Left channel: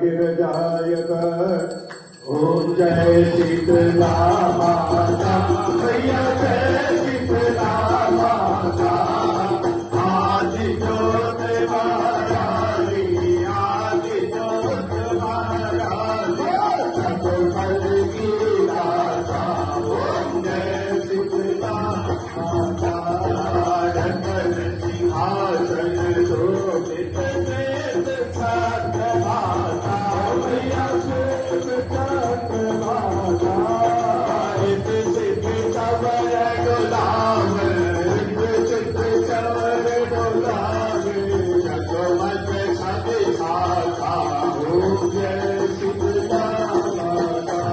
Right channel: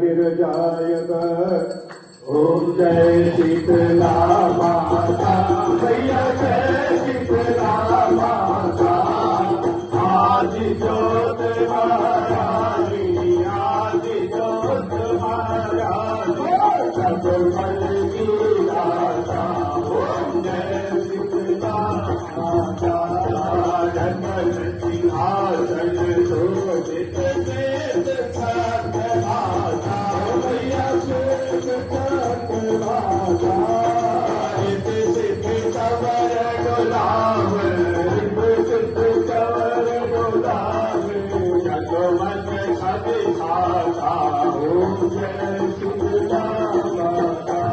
गिरजायत ओम जय शीतला माता मैया जय शीतला माता आदि ज्योत महारानी आदि ज्योत महारानी जगदल की माता ओम जय शीतला माता जगत सिंहासन शोभित वेद छात्र माता मैया श्वेत छात्र माता रित सिद्धि चवर गुलाम रित सिद्धि चवर गुलाम जगमग छवि माता ओम जय शीतला माता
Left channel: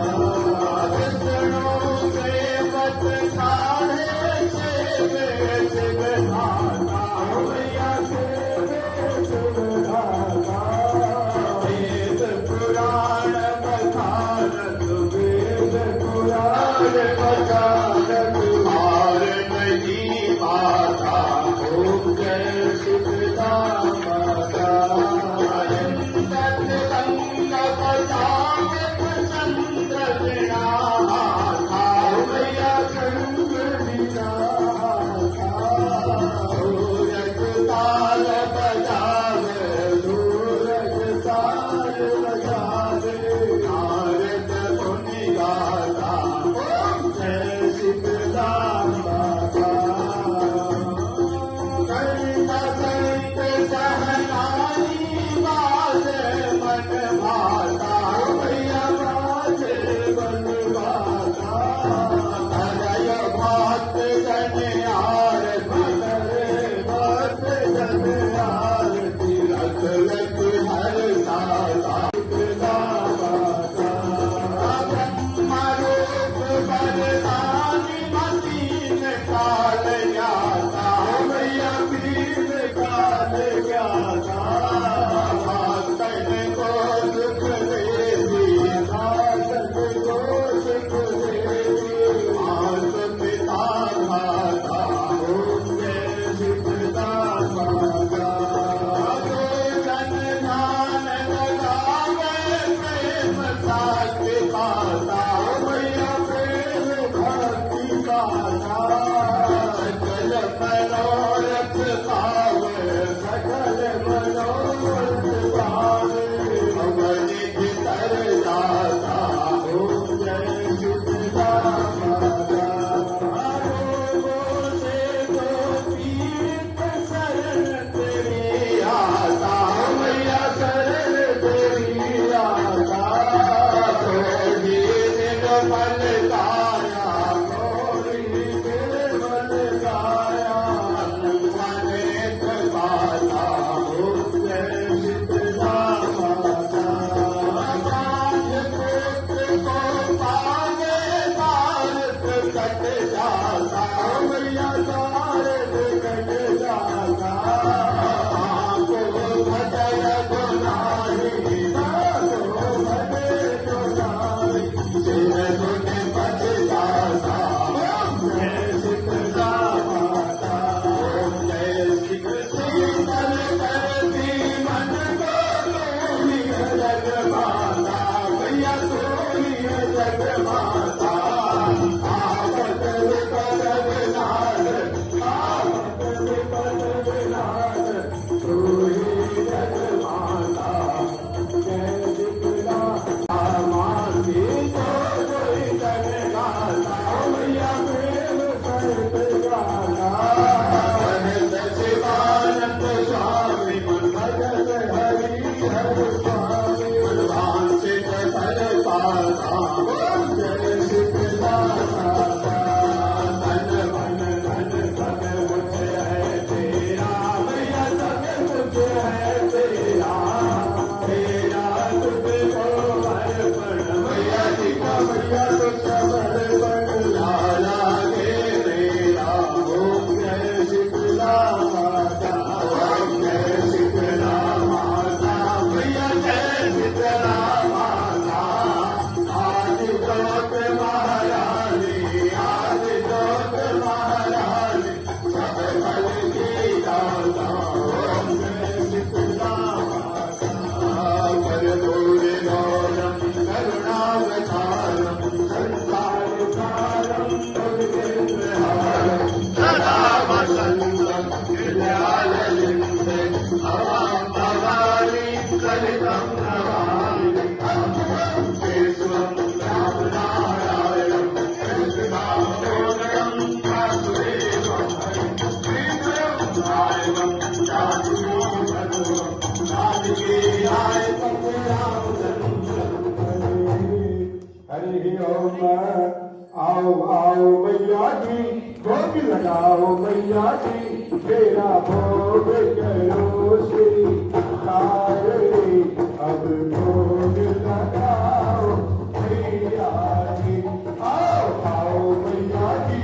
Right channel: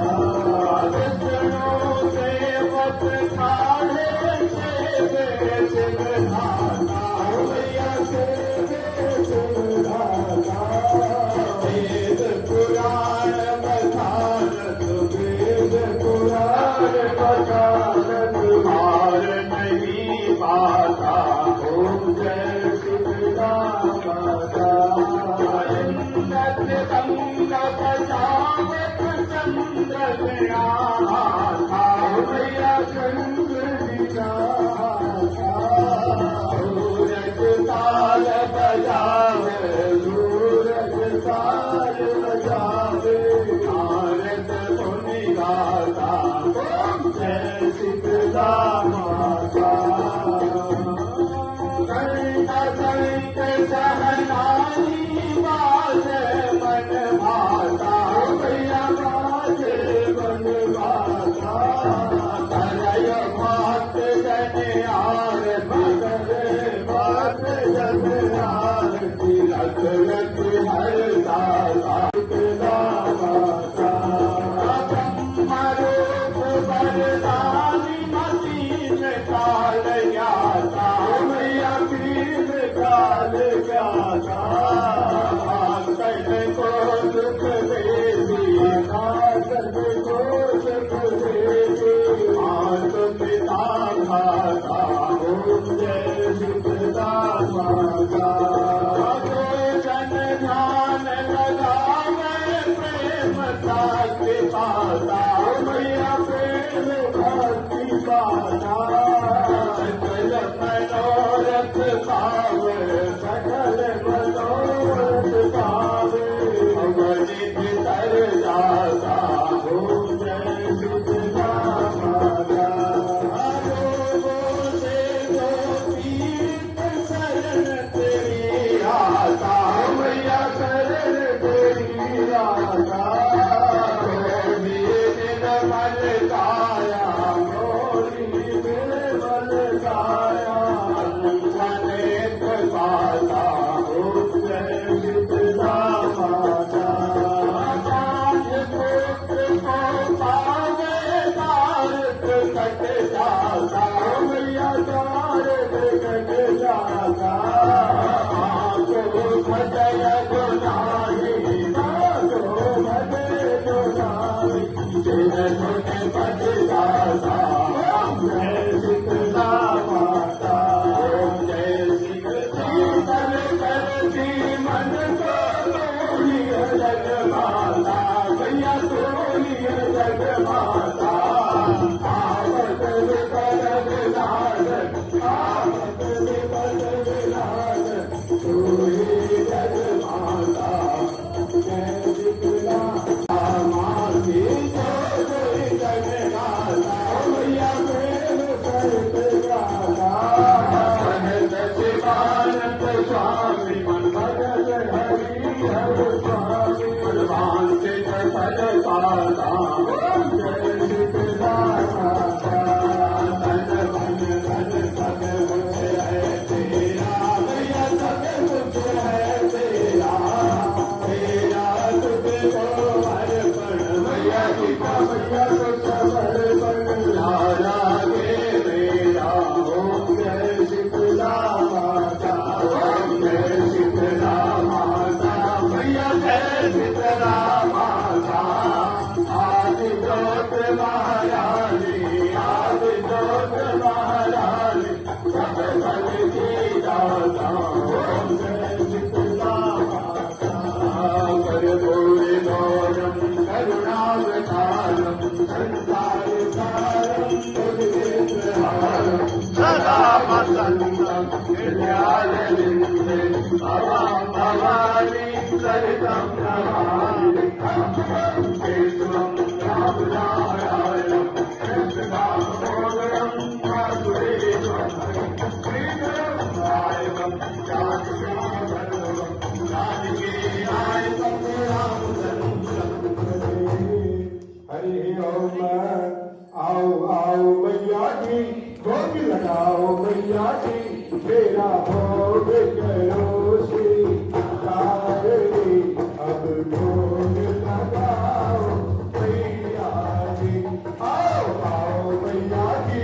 हरितं नमामि केशवं रामनारायणं कृष्णदामोदरं वासुदेवं श्रीधरं नायकं जानकीनाथं जानकीनायकं हरि ओम। आओ आओ मैया जी भोग लगाओ मैया जी तेरा भोग करो स्वीकार रे अब भोग लगाओ मैया जी। आओ आओ मैया जी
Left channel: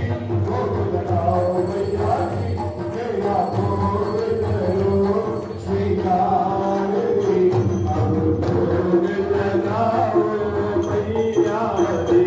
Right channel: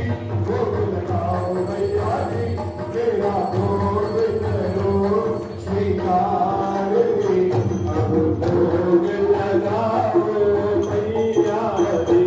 भोग लगाओ मैया जी तेरा भोग करो स्वीकार रे अब भोग लगाओ मैया जी।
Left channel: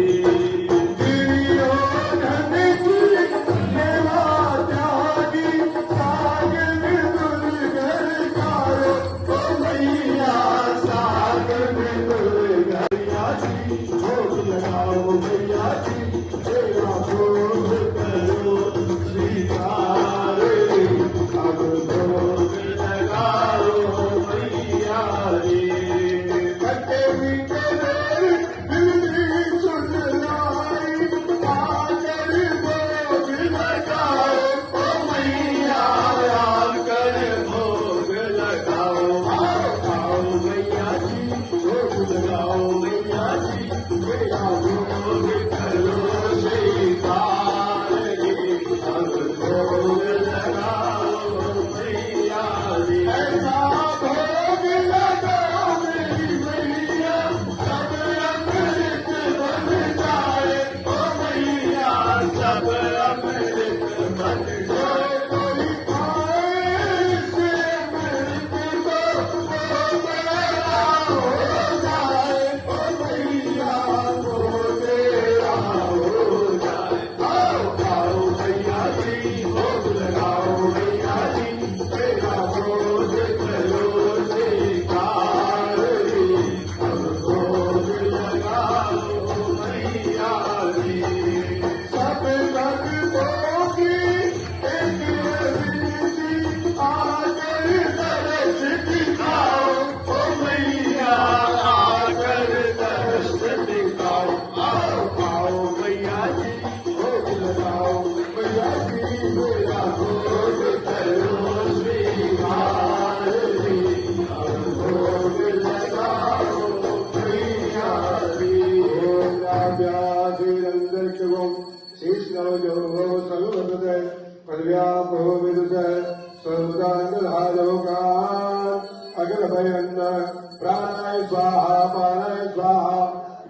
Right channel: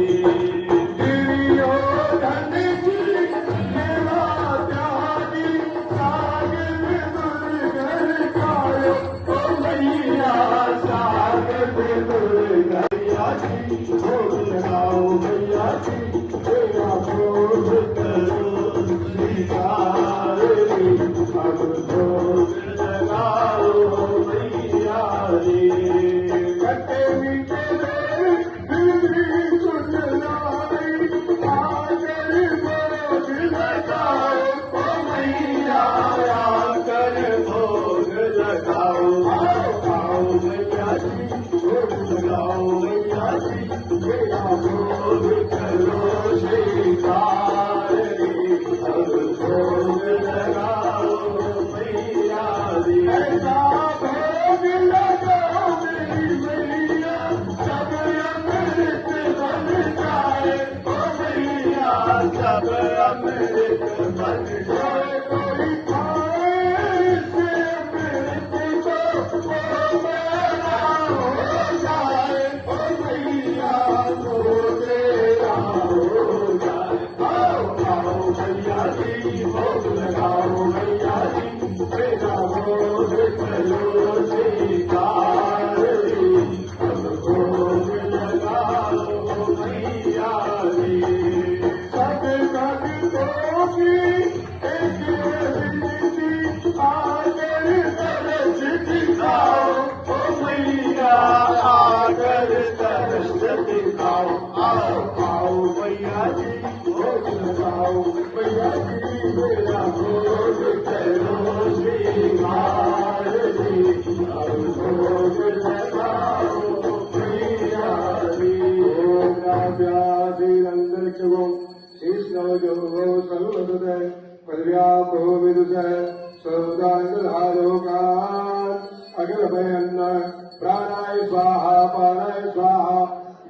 प्राणाय स्वाहा पानाय स्वाहा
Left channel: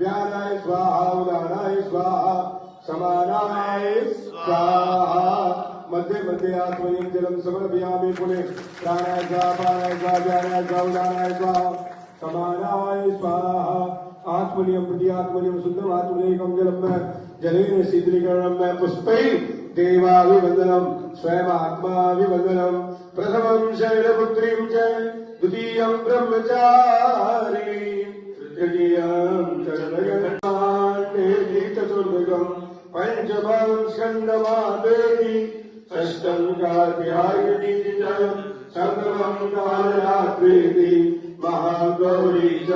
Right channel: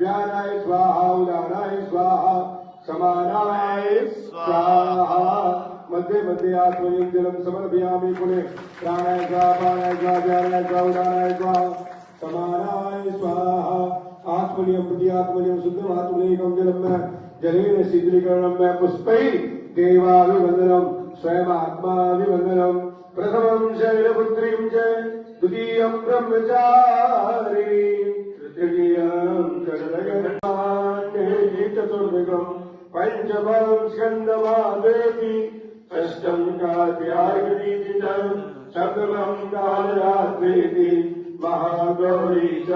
व्यानाय स्वाहा उदानाय स्वाहा समानाय स्वाहा मध्ये मध्ये आत्मनिं जलं समर्पयामि पुणे प्राणाय स्वाहा पानाय स्वाहा व्यानाय स्वाहा उदानाय स्वाहा समानाय स्वाहा आत्मनियं प्रति आत्मनियं शुद्धम् आत्मनेकं जलं जलेन शीतलीकरणं पुष्पैः देवाभिवन्दनं स्वयमात्माभिवन्दनं प्रथमं शैलपुत्रीं च द्वितीयं ब्रह्मचारी तृतीयं चरणयन्ति चतुर्भुजं पंचमं स्कन्दमादेवी षष्ठं कात्यायनी सप्तमं कालरात्रि महागौरी च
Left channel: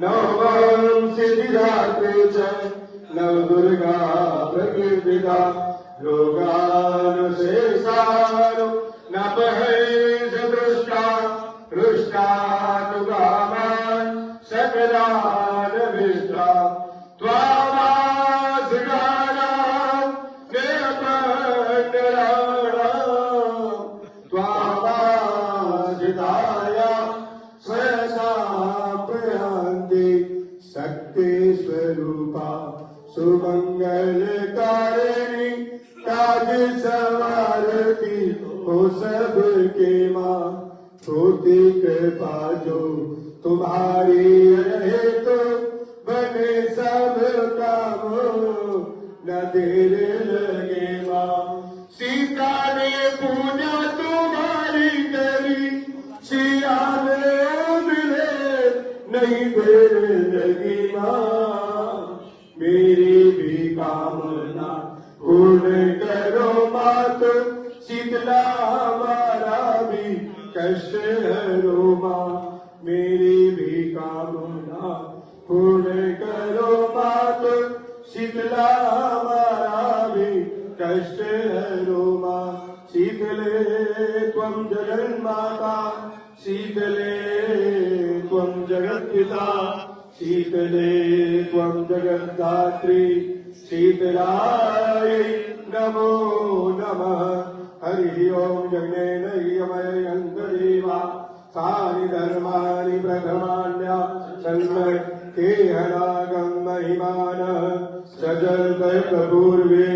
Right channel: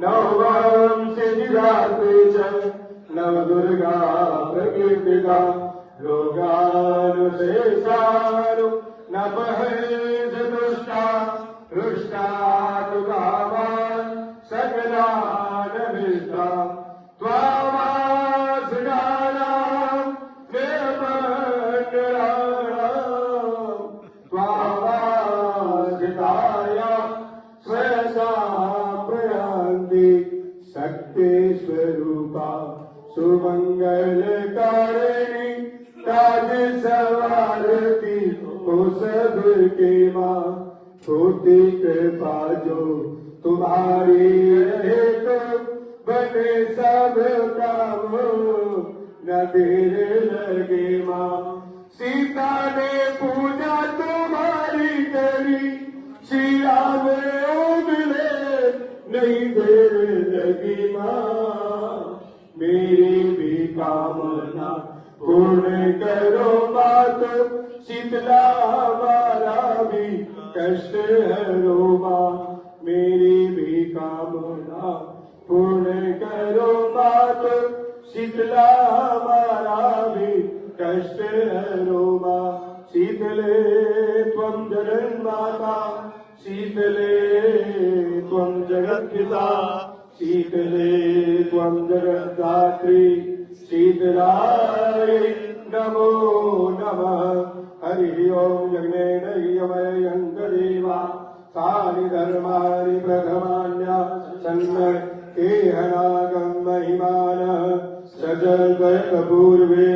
नवम सिद्धिदात्री च नवदुर्गा प्रकीर्तिता लोकानुशेषानु नपहेशदृष्टा हृष्टानु कामान् सकलानभिष्टा त्वामासगानां निरपकराणां त्वामाजिताय स्वयसा प्रयान्ति शक्ति स्वरूपा सुमंगलकारिणी ताज सवारती हो सबके माँ होती कृपा जो तुम्हारी रहे तो बने सब कामों न देर लगे माँ। सीता ने पूजा तुम्हारी करी सिया में मिले नहीं देर लगी माँ। मेरी भी कामना पूर्ण करो मात शीतला हमारा भी कष्ट हरो माँ। जगत्पिता शीतले त्वं जगद्धात्री शीतलाय नमो नमः हरि ओम यज्ञेन यमयन्तदेवा तानि धर्माणि प्रथमान्या सन्मय केहनागं महिमानः सजल्पयत पूर्वे